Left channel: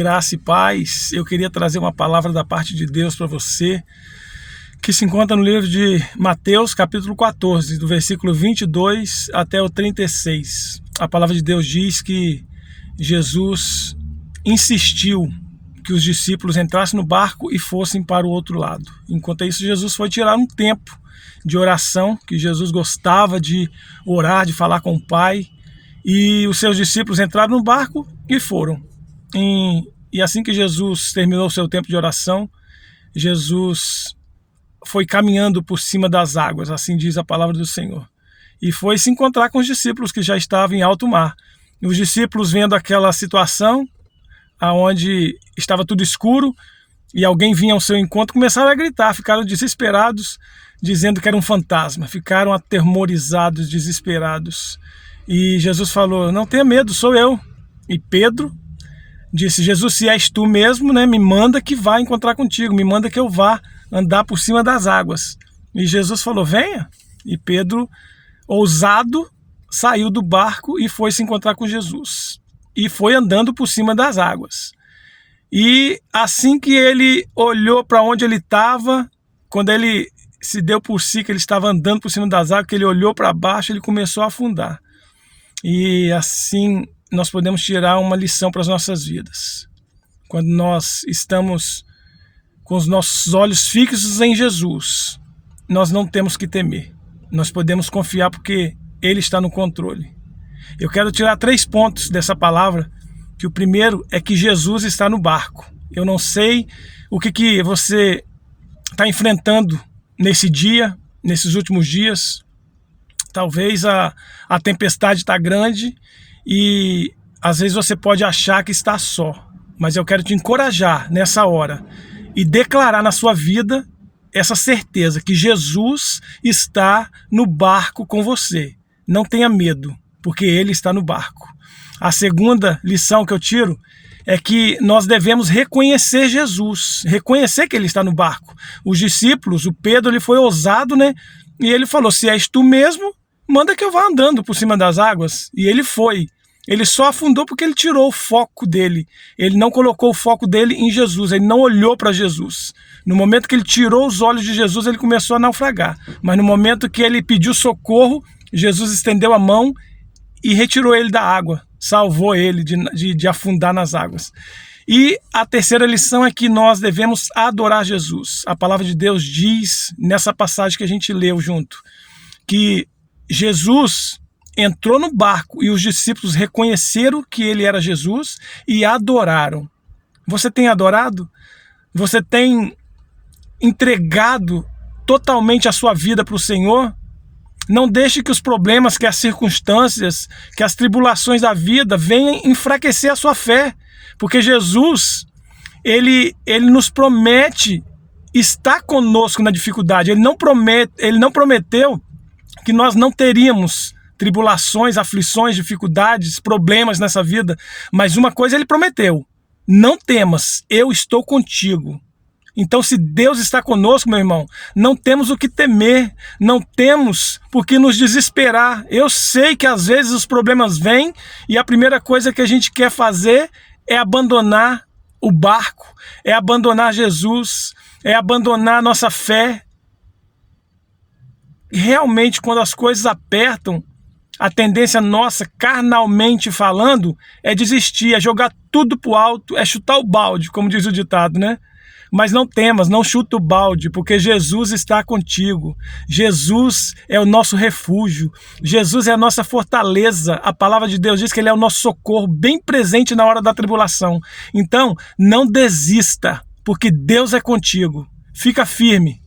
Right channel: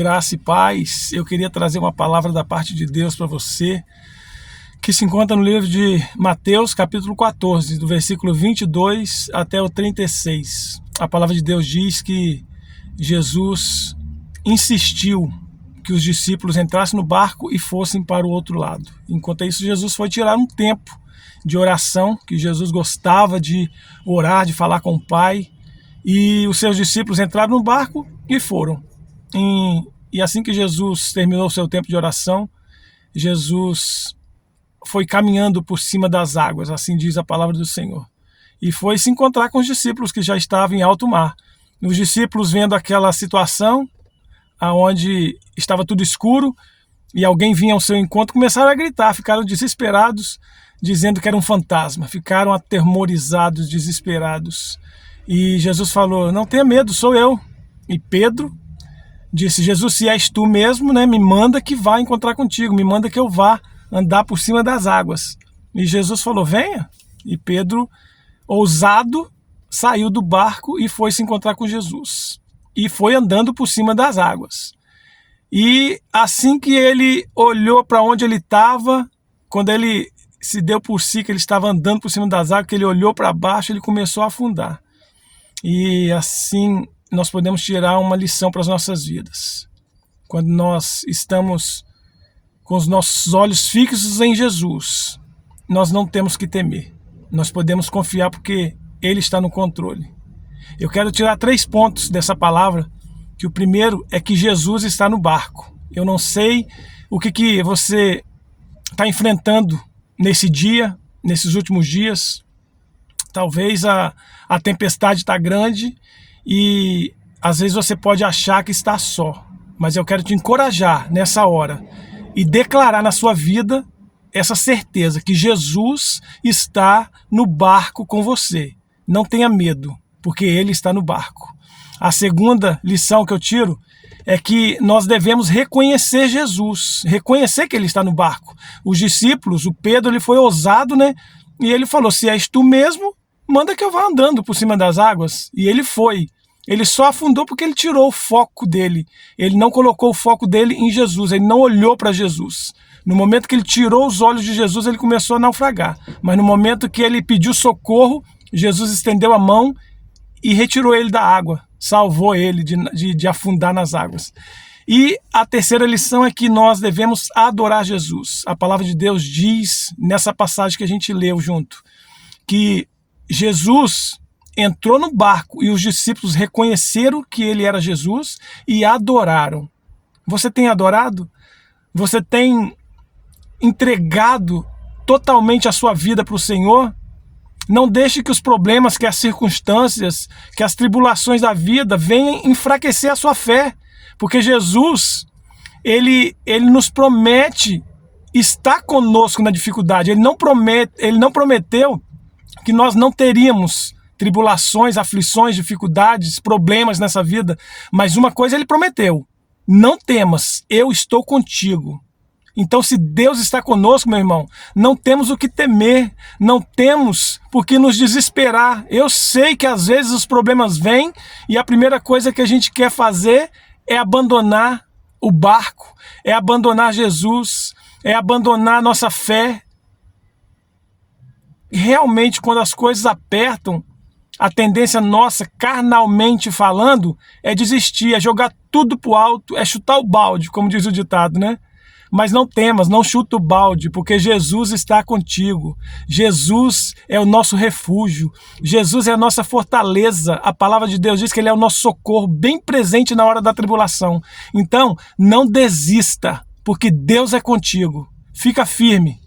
Graça e paz. Eu queria trazer uma palavra da parte de Deus para você, que se encontra no livro de Mateus, capítulo 14, do versículo 22 até o 36. A palavra de Deus diz que Jesus insistiu que os discípulos entrassem no barco e fossem para o outro lado. Enquanto isso, Jesus foi tirar um tempo de oração, que Jesus gostava de orar, de falar com o Pai, e os seus discípulos entraram no barco e foram. E assim que Jesus terminou o seu tempo de oração, Jesus foi caminhando por cima das águas, assim diz a palavra do Senhor, e foi se encontrar com os discípulos que já estavam em alto mar. Os discípulos, vendo aquela situação onde estava tudo escuro e alguém vinha ao seu encontro, começaram a gritar, ficaram desesperados, dizendo que era um fantasma, ficaram atemorizados, desesperados. E Jesus falou: não tenha medo, sou eu. E Pedro disse: Jesus, se és tu mesmo, me manda que vá encontrar contigo, me manda que eu vá andar por cima das águas. E Jesus falou: venha. E Pedro, ousado, saiu do barco e foi se encontrar com Jesus. E foi andando por cima das águas. E assim que ele olhou para onde ele estava, quando ele se deu por si que ele estava andando por cima das águas, que ele olhou para baixo, ele começou a afundar. E assim nós podemos tirar uma lição para as nossas vidas. Quando nós estamos com os nossos olhos fixos em Jesus, nós não temos que temer. Nós podemos confiar porque Ele está no controle. Eu quero tirar 3 pontos dessa palavra, que o primeiro é que Jesus está no barco. Eu não sei o que você está enfrentando nesse dia, nesses últimos dias. Talvez a tempestade está grande e às vezes você pode achar que está só. Mas eu quero te encorajar nessa hora e declarar na sua vida essa certeza que Jesus está no barco com você. Não tenha medo, porque Ele está no barco. A segunda lição que eu tiro é que nós devemos reconhecer Jesus, reconhecer que Ele está no barco. Os discípulos, o Pedro, ele foi ousado, e ele falou: se és tu mesmo, manda que eu vá andando por cima das águas. E ele foi. Ele só afundou porque ele tirou o foco dele. Ele não colocou o foco dele em Jesus, ele não olhou para Jesus. No momento que ele tirou os olhos de Jesus, ele começou a naufragar. Mas no momento que ele pediu socorro, Jesus estendeu a mão e retirou ele da água, salvou ele de afundar nas águas. E a terceira lição é que nós devemos adorar Jesus. A palavra de Deus diz, nessa passagem que a gente leu junto, que Jesus entrou no barco e os discípulos reconheceram que ele era Jesus e adoraram. Você tem adorado? Você tem entregado totalmente a sua vida para o Senhor? Não deixe que os problemas, que as circunstâncias, que as tribulações da vida venham enfraquecer a sua fé. Porque Jesus, ele nos promete estar conosco na dificuldade. Ele não prometeu que nós não teríamos tribulações, aflições, dificuldades, problemas nessa vida. Mas uma coisa Ele prometeu: não temas, eu estou contigo. Então, se Deus está conosco, meu irmão, não temos o que temer, não temos por que nos desesperar. Eu sei que às vezes os problemas vêm e a primeira coisa que a gente quer fazer é abandonar o barco, é abandonar Jesus, é abandonar a nossa fé. Realmente, quando as coisas apertam, a tendência nossa, carnalmente falando, é desistir, é jogar tudo pro alto, é chutar o balde, como diz o ditado, Mas não temas, não chuta o balde, porque Jesus está contigo. Jesus é o nosso refúgio. Jesus é a nossa fortaleza. A palavra de Deus diz que Ele é o nosso socorro, bem presente na hora da tribulação. Então, não desista, porque Deus é contigo. Fica firme.